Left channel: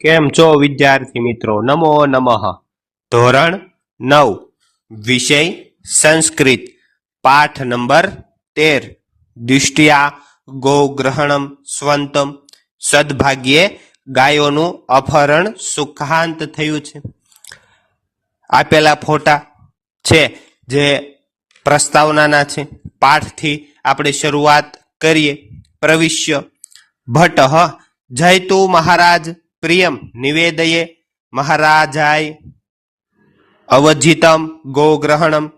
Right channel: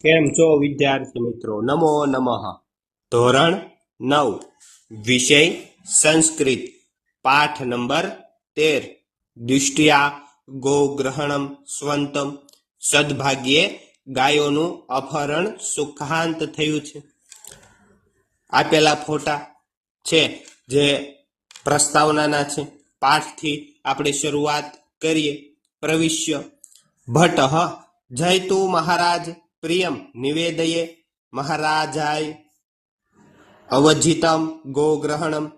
કેમ છો વિદ્યાર્થી મિત્રો? નમો નમઃ. ધોરણ નવ. વિષય સંસ્કૃત. પાઠ નંબર તેર. દિષ્ટિયા ગોગ્રહણમ, સ્વંતમ. સદભાગ્યે ગાયોનું અપહરણ સુખાંત થયું છે. આપેલા ફોટા છે જે પ્રસ્તાવનાના છે. પાઠથી આપણે શરૂઆત કરીએ. પ્રવિશ્ય ભટ્ટ જયતુ મહારાજ પ્રિયમ નિવેદયે મહારાજાય. અવજિતમ ગોગ્રહણમ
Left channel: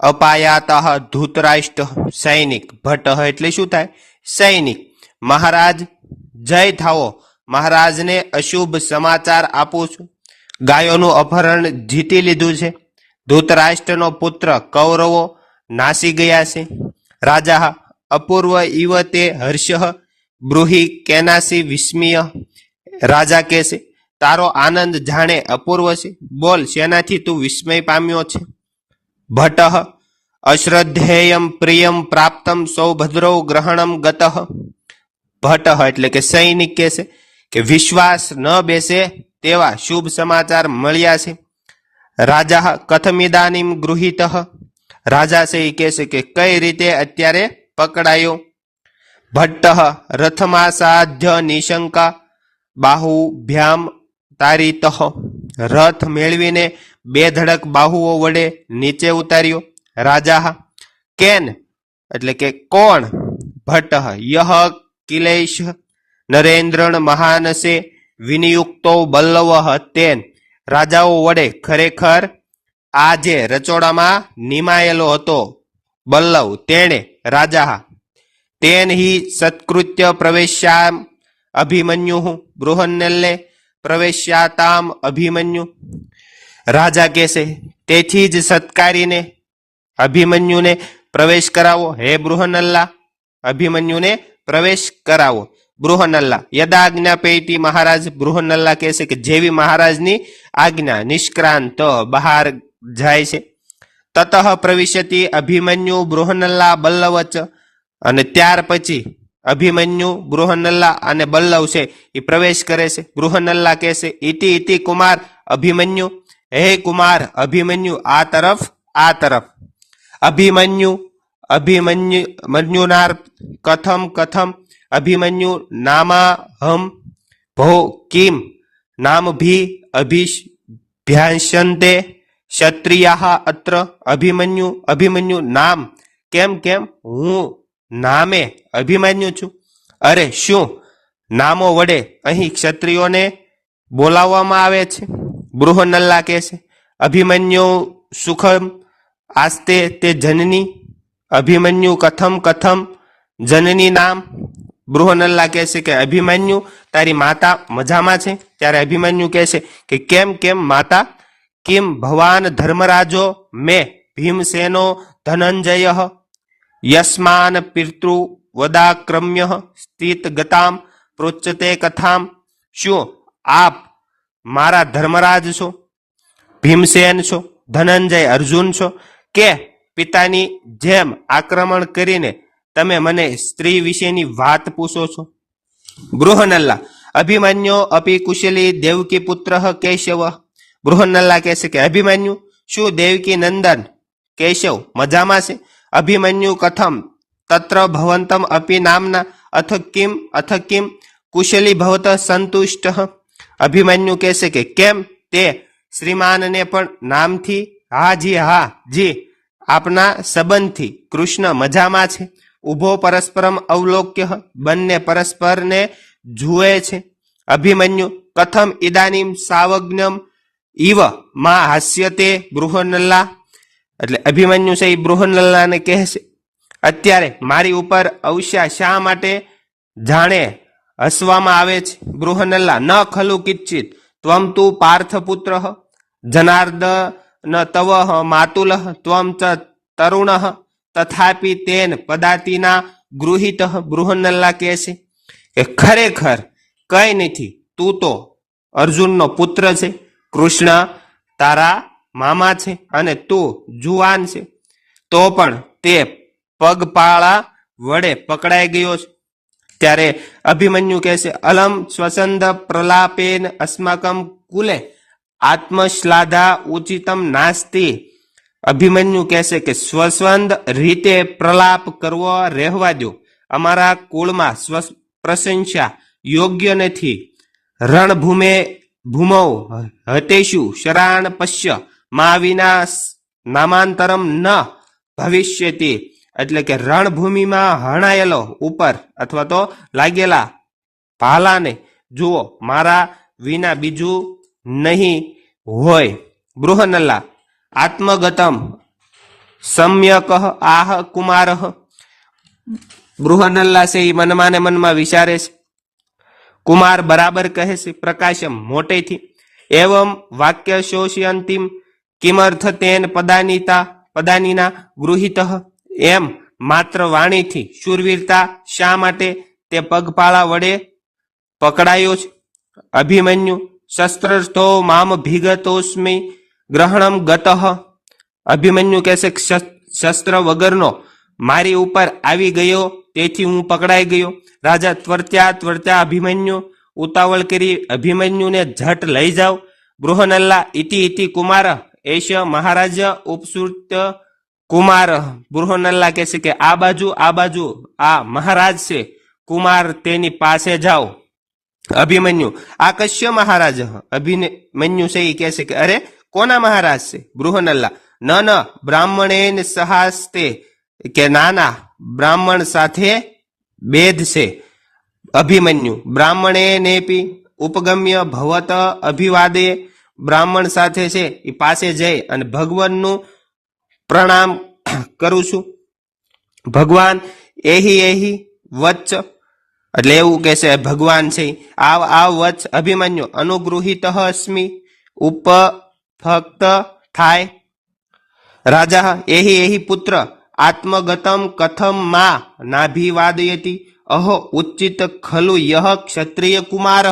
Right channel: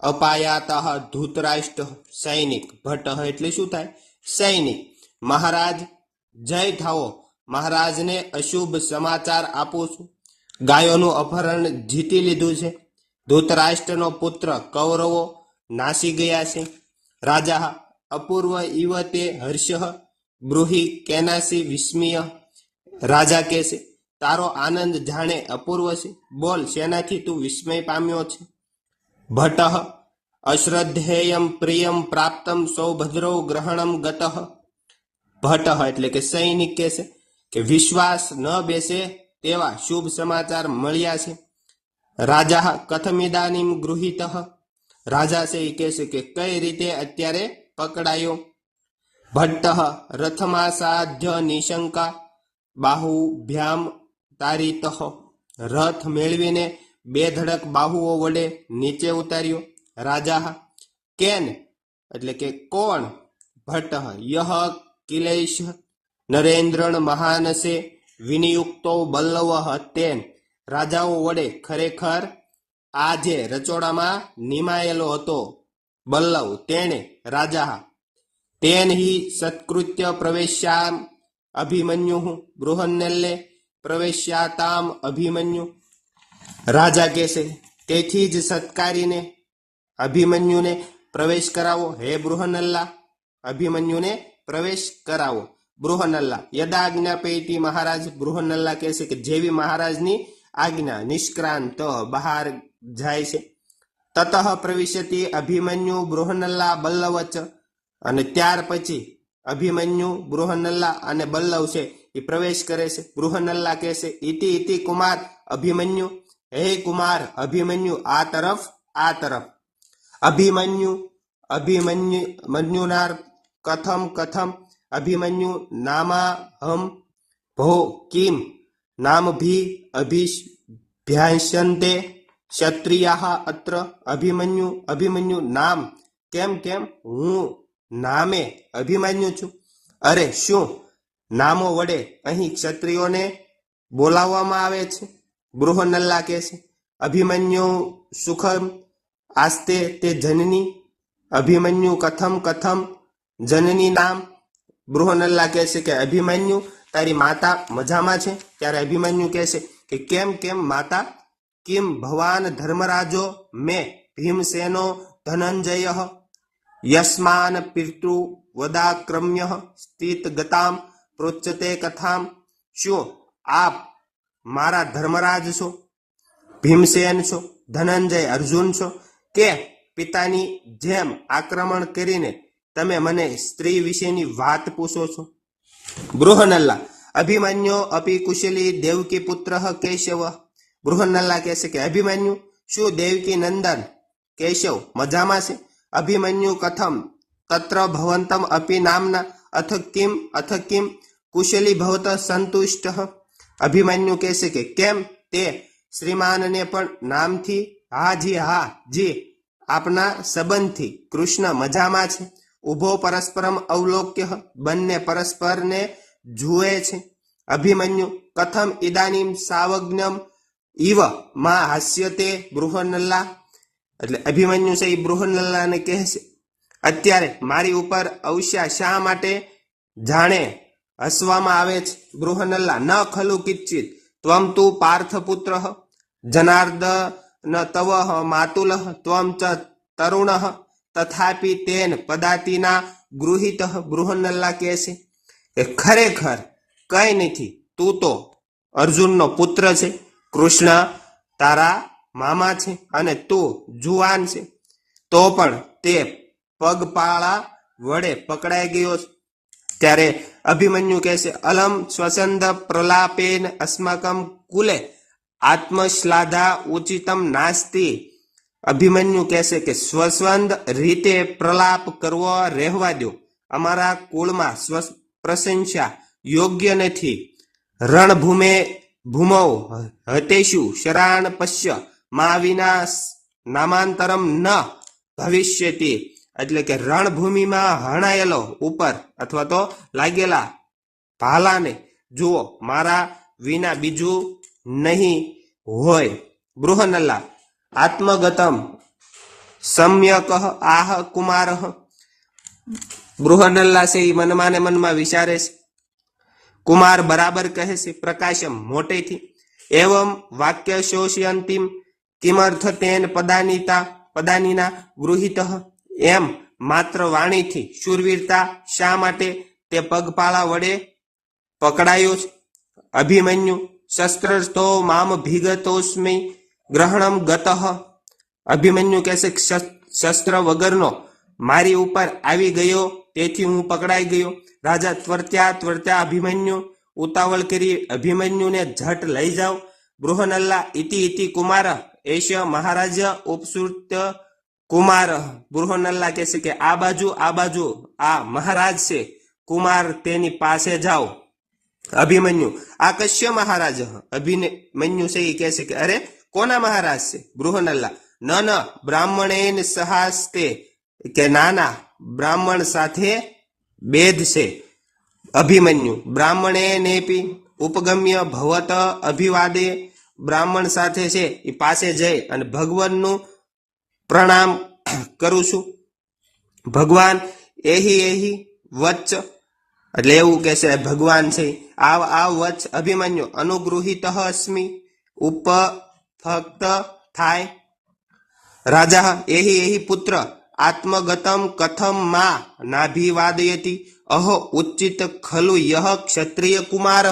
અપાયાત ધૂતરાષ્ટ્ર સૈનિક ભટ્ટ. એટલે શું થાય? સૈનિક. મહારાજ, જય થાવો મહારાજને અશુભ સમાચાર આપું છું. ગાયોનું અપહરણ જીતી લીધું છે. ધૂતરાષ્ટ્રનો પુત્ર કૌરવો નાસી ગયા છે. રાજા અપૂર્વ ઇવતે હર્ષ, બ્રુહી કેનાસી વિસ્મય રાજા કહે છે, તારો આનંદ જાણે અપૂર્વ છે. બોલ, શેનાથી તું વિસ્મય પામ્યો છે? ભટ્ટ, અશ્રદ્ધેયમ પ્રિયમ પ્રાપ્તમ સૌભદ્રૌ ગ્રહણમ ગત. ભટ્ટ એટલે કે સૈનિક કહે છે કે વિશ્વાસ ન બેસે તેવા શુભ સમાચાર મળ્યા છે. રાજા કથમિદાનીમ ગૃહિત. રાજા છે એ કહે છે કે, કઈ રીતે અત્યારે પકડાયો? ભટ્ટ, રથમાસાધ્ય નિશંકા. બાહુભ્યામ તારીતઃ. રથ મેળવીને બે ધડક બાહુઓ વડે નીચે ઉતાર્યો. રાજા, કેન? એટલે કે, કોણ? ભટ્ટ યહ કિલેશ? નરેન્દ્રણ મહાનસે વિનિયુક્તો બલ્લવ તેન. રાજાઓ વડે ખરેખર આ જે રચોડામાં નિમાયેલો હતો બલ્લવ. તેણે, રાજા તેન હિ સત્કૃત્ય પ્રવેશ્યામ અભિમન્યુ, બૃહન્નલ્લે પ્રવેશ્યાતામ અભિમન્યુ. રાજા કહેશે, તેથી જ સત્કારીને, અભિમન્યુને પ્રવેશ કરાવો. હે બૃહનલ્લા અભિમન્યુને પ્રવેશ કરાવો. બૃહનલ્લા યદાજ્ઞા પેટી મહારાજ? બૃહનલ્લા કહેશે કે, જેવી મહારાજની આજ્ઞા નિષ્ક્રાંત બહાર જાય છે, તતઃ પ્રવિશ્યતી અભિમન્યુ બૃહનલ્લા બલ્લવચ. અને ત્યાર પછી અભિમન્યુ બૃહનલ્લા અને બલ્લવ છે, એ પ્રવેશ કરે છે. બૃહનલ્લા કહે છે ઇતિ ઇતિ કુમાર, અભિમન્યુ. હે કુમાર, અભિમન્યુ, આ તરફ આ તરફ. અભિમન્યુ અભિમન્યુ, મન્યુનાર, કથમ કથમ, અભિમન્યુ, નામાહમ, ભો, કિમ નામ ભી અભિભ્યાસંતે ક્ષત્રિયા અત્ર, અભિમન્યુ અભિમન્યુ, નામ, કેમ કેમ, હું નામે અભિમન્યુ છું. અરે શું? નામો વડે અહીં ક્ષત્રિયોને બોલાવવામાં આવે છે? બૃહનલ્લા કહે છે, અભિમન્યુ સુખમ આસ્તે તે જનની, અભિમન્યુ કથમ કથમ જનની નામ. બૃહનલ્લા કહે છે કે, અભિમન્યુ તારી માતા મજામાં છે? ત્યારે અભિમન્યુ કહે છે કે, કેમ કેમ માતા? કેમ ભવાન ધર્મરાજો મેં ભીમસેનો ધનંજય? યસ્માન પિતૃ વદાક્રમ્ય સ્થિત ગતામ પ્રોચ્યતે કથામ શું આપ મારા ધર્મરાજ છો ભીમસેન છો ધનંજય અર્જુન છો કે પિતાની જેમ આક્રમણ કરીને તમે મને સ્ત્રી વિશેની વાત પૂછો છો બૃહનલ્લા અભિમન્યુ અપી કુશલી દેવકી પુત્ર કેશવ બૃહનલ્લા કહેશે કે અભિમન્યુ શું દેવકી નંદન કેશવ મજામાં છે અભિમન્યુ કથમ? તત્ર ભવંતમ અપી નામના અથ કિમ અથ કિમ કુશલી ભવત સંતુષ્ટ અભિમન્યુ કહેશે કે કેમ તે શ્રીમાનને પણ નામથી હા જી હા જી આપના સંબંધથી કૃષ્ણ મજામાં છે ઊભો પરસ્પરમ અવલોક્ય બંને પરસ્પરને જુએ છે અભિમન્યુ કથમ ઇદાનીમ સાવજ્ઞમ ઇવમાં હાસ્યતે બૃહનલ્લા એટલે અભિમન્યુ છે એ બૃહનલ્લાને કહે છે અત્યારે મારી ઉપર અવશ્યા શા માટે જાણે હસવામાં આવે છે? બૃહનલ્લા, ન ખલુ કિચ્છિત. ત્વમ તુ પાર્થપુત્ર ન તવ માતુલ, ત્વમ ચ તરુણ તથાપી તેન પદાતિના ગૃહિત. બૃહનલ્લા કહે છે કે, ખરેખર કઈ નથી, તું તો અર્જુનનો પુત્ર છે. કૃષ્ણ તારા મામા છે અને તું જુવાન છે. તો પણ તે પગપાળા વડે પકડાઈ ગયો છે. ત્યારે અભિમન્યુ કહે છે, અલમ સ્વસંદ પ્રલાપેન અસ્માકમ કુલે આત્મશ્લાધા ઉચિતમ નાસ્તિ. અભિમન્યુ કહેશે કે, સ્વસંદ રીતે પ્રલાપ કરવો રહેવા દો અમારા કુળમાં સ્વ પ્રશંસા યોગ્ય નથી. રણભૂમે ભૂમો હતેશુ શરાણ પશ્ય મા વિના નામાંતરમ ન ભવિષ્યતિ. એટલે કે રણભૂમિમાં હણાયેલો ઉપર અથવા તો લાગેલા ભાલાને. જુઓ, મારા વિના બીજું નહીં હોય. બૃહનલ્લા, આત્મગતમ. સમ્યક આહ કુમાર. બૃહનલ્લા છે એ મનમાં મનમાં વિચારે છે. કુમાર બરાબર કહે છે, પ્રકાશમ મોટેથી. એવમ વાક્ય શોષી કિમર્થ તેન પદાનીતા, પદાનીના ગૃહિત. એમ માત્ર વાણીથી શૂરવીરતા શા માટે? તે પગપાળા વડે પકડાયો છે. અભિમન્યુ શસ્ત્રસ્થો મામ ભીગતોસ્મી ગ્રહણમ ગતઃ. અભિમન્યુ કહેશે શસ્ત્ર વગરનો મારી ઉપર આવી ગયો, તેથી હું પકડાઈ ગયો. રાજા ત્વર્ત્યા ત્વર્ત્યા અભિમન્યુ, ઉતાવળ કરી અભિમન્યુને ઝટ લઈ જાઓ. બૃહનલ્લા ઇતિ ઇતિ કુમાર એશ મહારાજ ઉપસૃત કુમાર. બૃહનલ્લા કહેશે કે આ બાજુ આ બાજુ, આ મહારાજ છે. કુમાર તેની પાસે જાઓ. અભિમન્યુ. આ કશ્ય મહારાજ? અભિમન્યુ છે એ કહે છે કે અરે, કોના મહારાજ છે? બૃહનલ્લા ન ન, બ્રાહ્મણેન સહાસ્તે. કે નાના બ્રાહ્મણ સાથે ભેદ છે. અભિમન્યુ. બ્રાહ્મણે ઉપગમ્ય ભવત અભિવાદે. બ્રાહ્મણ સાથે છે, એ પાસે જઈ અને ભગવાનનું પ્રણામ કરું છું. ભગવાન એહી એહી વચ્ચ એટલે એવું કે છે, ભગવાન છે. આવ આવ વચ્ચ અભિમન્યુ અનુગૃહિત અસ્મિ ઉપ ફક્ત થાય. રાજા, એહી એહી પુત્ર, આત્મગતમ કથમ મા, નાભિવાદયતી, અહો ઉચિત ખલુ યહ ક્ષત્રિય કુમાર.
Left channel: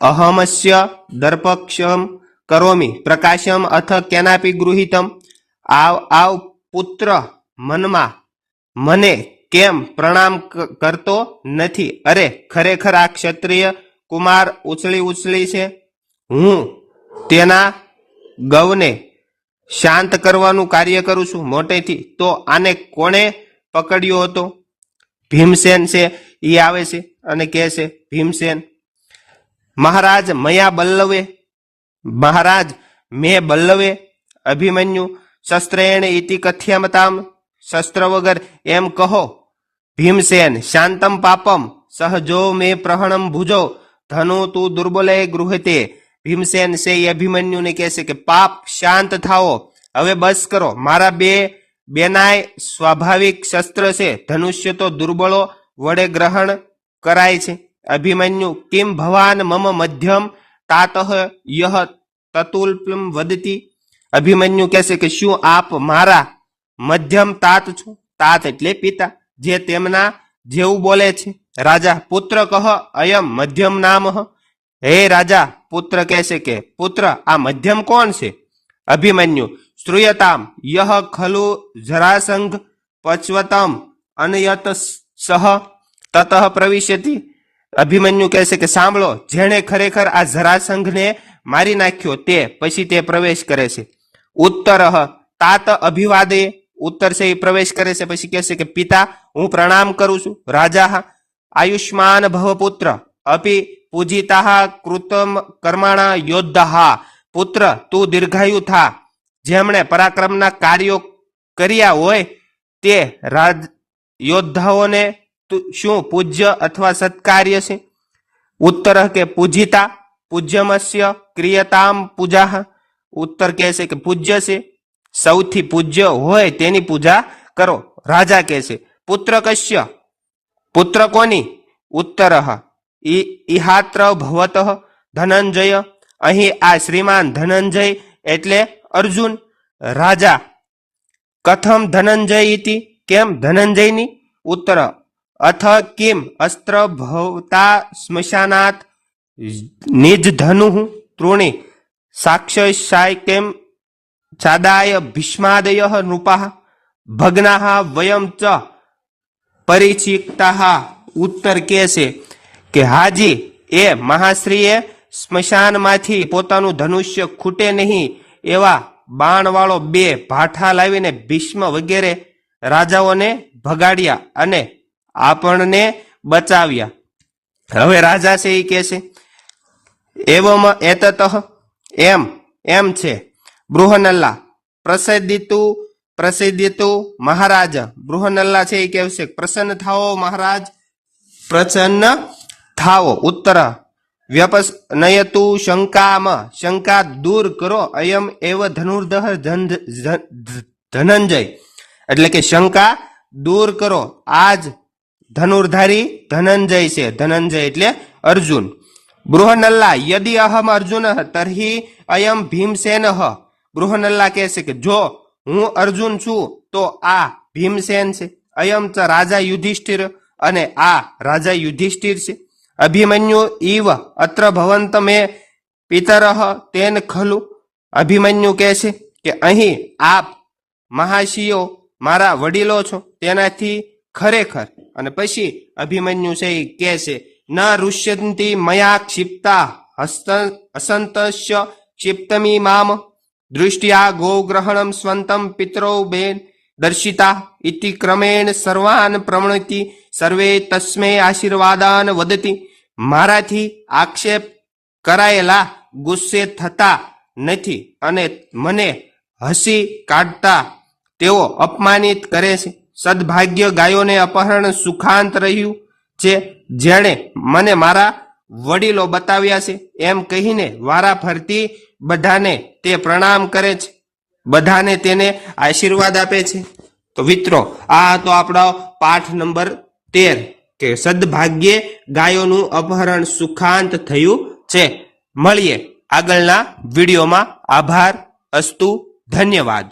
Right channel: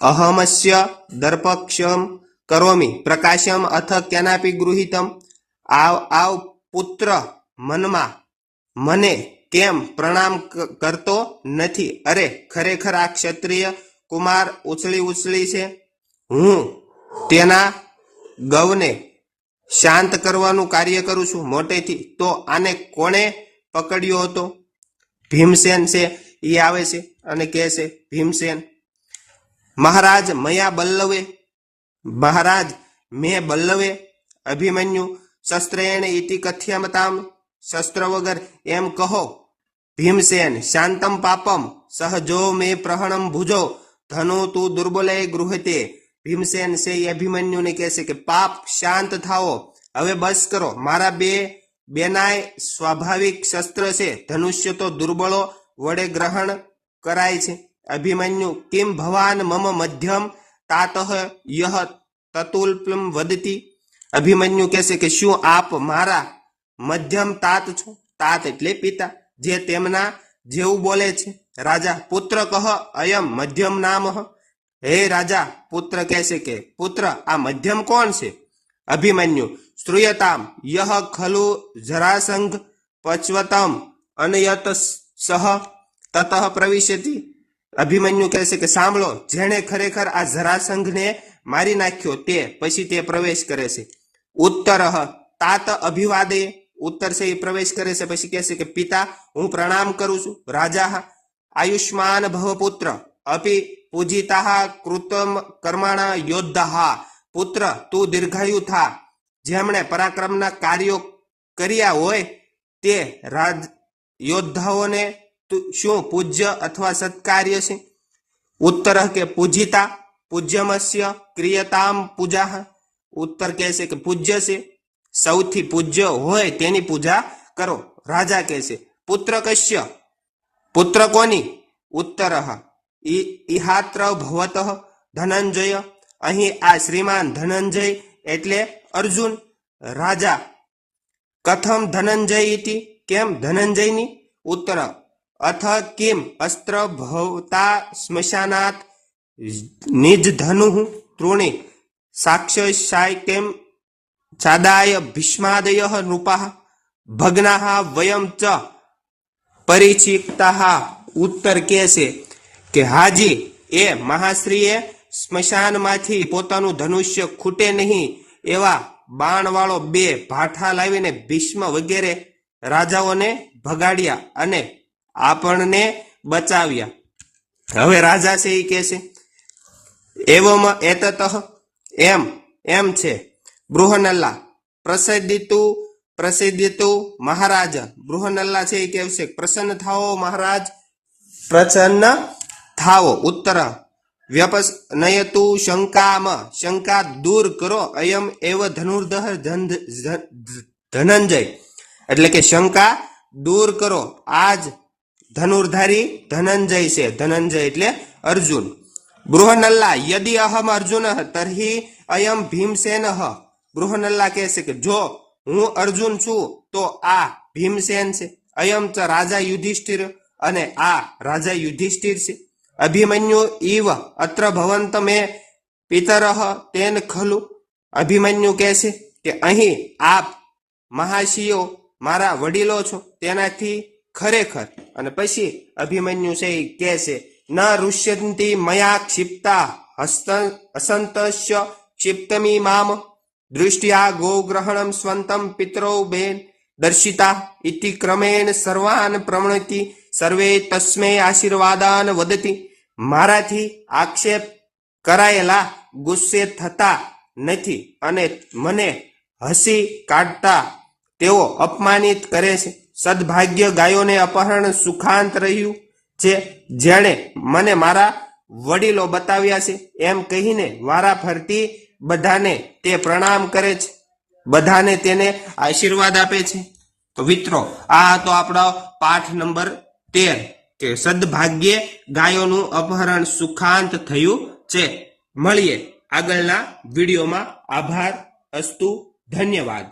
અહમસ્ય દર્પક્ષમ કરોમી પ્રકાશમ અથ કેનાપી ગૃહિતમ આવ આવ પુત્ર મનમાં મને કેમ પ્રણામ કરતો નથી અરે ખરેખર આ ક્ષત્રિય કુમાર ઉછળી ઉછળી છે હું તેના ગૌને શાંત કરવાનું કાર્ય કરું છું મોટેથી તો આને કોણે પકડ્યો હતો ભીમસેન છે એ આવે છે અને કહે છે ભીમસેન મહારાજ મયા બલ્લવે, મહારાજ મેં બલ્લવે, અભિમન્યુ, શસ્ત્રેણ ઇતિ કથ્યમતામ, શસ્ત્ર વગર એમ કહો. ભીમસેન, શાંતમ પાપમ સહજો મે પ્રહણમ ભુજો, ધનુ તું દુર્બલે ગૃહતે. ભીમસેન છે અભિમન્યુને કહેશે કે, પાપ શાંત થાઓ. હવે બસ કરો. મારા બે, બેનાય સ્વાભાવિક શસ્ત્ર છે. ધનુષ્ય તો દુર્બળો વડે ગ્રહણ કરાય છે. અભિમન્યુ, કિમ ભવાન મમ મધ્યમ? તાતઃ યહ તતુલ્પિમ વદતી? અભિમન્યુ કહેશે કે, શું આપ મારા મધ્યમ તાત છો? તાત એટલે પિતા, જે તેમના જેવું બોલે છે. રાજા પુત્ર કહ અયમ મધ્યમ નામ? હે રાજા, પુત્ર કહેશે કે, પુત્ર, આ મધ્યમ કોણ છે? અભિમન્યુ, શ્રૂયતામ યહ ખલુ જરાસંઘ પચવતમ અનયત સહ તતઃ પ્રવિશતિ. અભિમન્યુ કહેશે કે સાંભળો, જેણે ખરેખર આ જરાસંઘને મારી નાખ્યો તે, પછી તે પ્રવેશ કરે છે. ઉત્તર, તાત અભિવાદે, ઉત્તર છે એ પ્રવેશ કરે છે, પછી કહેશે કે પિતા, હું પ્રણામ કરું છું. રાજા, આયુષ્માન ભવપુત્ર અપી પૂજિતા કૃતમ કર્માણા યોદ્ધા. પુત્ર, તું દીર્ઘાયુ થા. જેમણે પરાક્રમના કાર્યો કર્યા હોય, તે રાજ, યોદ્ધાઓને શું પૂજ્ય અથવા સત્કાર્ય છે? ઉત્તર કે પૂજિતા, પૂજ્યમસ્ય, ક્રિયતામ પૂજા ઉત્તર કહે છે કે પૂજ્ય છે. સૌથી પૂજ્ય હોય તેની પૂજા કરો. રાજા કહે છે, પુત્ર કશ્ય? પુત્ર કોની? ઉત્તર. ઇહાત્ર ભવત ધનંજય. અહીં આ શ્રીમાન ધનંજય એટલે અર્જુન. રાજા, કથમ ધનંજય કેમ ધનંજયની? ઉત્તર અથ કિમ અસ્ત્ર ભવતા સ્મશાનાત નિજ ધનુ તૃણી સાક્ષસાય કેમ સાદાય ભીષ્માદય નૃપા ભગ્ના વયમ ચ પરિચિતા ઉત્તર કે છે કે હાજી એ મહાશ્રીએ સ્મશાનમાંથી પોતાનું ધનુષ્ય ખૂટે નહીં એવા બાણવાળો બે ભાઠા લાવીને ભીષ્મ વગેરે રાજાઓને ભગાડ્યા અને આપણને બચાવ્યા. હવે રાજા છે એ કે છે, એવોમાં એતત, એમ એમ છે, બૃહનલ્લા, પ્રસિદ્ધિતુ પ્રસિદ્ધિતુ મહારાજ. બૃહનલ્લા છે એ કહે છે, પ્રસન્ન થાઓ મહારાજ. પ્રસન્ન થાવો ઉત્તર વ્યપસ નયતુ શંકામ, શંકા દૂર કરો, અયમ એવ ધનુર્ધર ધન- ધન- ધનંજય. એટલે કે શંકા દૂર કરો, આજ ધનુર્ધારી, ધનંજય છે. ધનંજય એટલે અર્જુન. બૃહનલ્લા, યદિ અહમ અર્જુન તરહી અયમ ભીમસેન બૃહનલ્લા કહે છે કે જો હું અર્જુન છું, તો આ ભીમસેન છે. અયમ ચ રાજા યુધિષ્ઠિર અને આ રાજા યુધિષ્ઠિર છે. અભિમન્યુ ઇવ અત્ર ભવંત મે પિતર તેન ખલુ. અભિમન્યુ કહે છે કે અહીં આપ મહાશિયો, મારા વડીલો છો. તેનાથી ખરેખર. અને પછી અભિમન્યુ છે એ કે છે, ન ઋષ્યંતી મયા ક્ષિપ્તા હસ્ત અસંતસ્ય ક્ષિપ્તમી મામ દૃષ્ટિયા ગોગ્રહણમ સ્વંતમ પિતરો બેન દર્શિતા ઇતિ ક્રમેણ સર્વાન પ્રવણતિ, સર્વે તસ્મે આશીર્વાદાન વદતી. મારાથી આક્ષેપ કરાયેલા ગુસ્સે થતા નથી અને મને હસી કાઢતા તેઓ અપમાનિત કરે છે. સદભાગ્ય ગાયોને અપહરણ સુખાંત રહ્યું છે. જેણે મને મારા વડીલો બતાવ્યા છે. એમ કહીને વારા ફરતી બધાને તે પ્રણામ કરે છે. બધાને તેને આશીર્વાદ આપે છે. તો મિત્રો, આ હતો આપણો પાઠ નંબર તેર, કે સદભાગ્યે ગાયોનું અપહરણ સુખાંત થયું છે. મળીએ આગળના વિડીયોમાં. આભાર, અસ્તુ, ધન્યવાદ.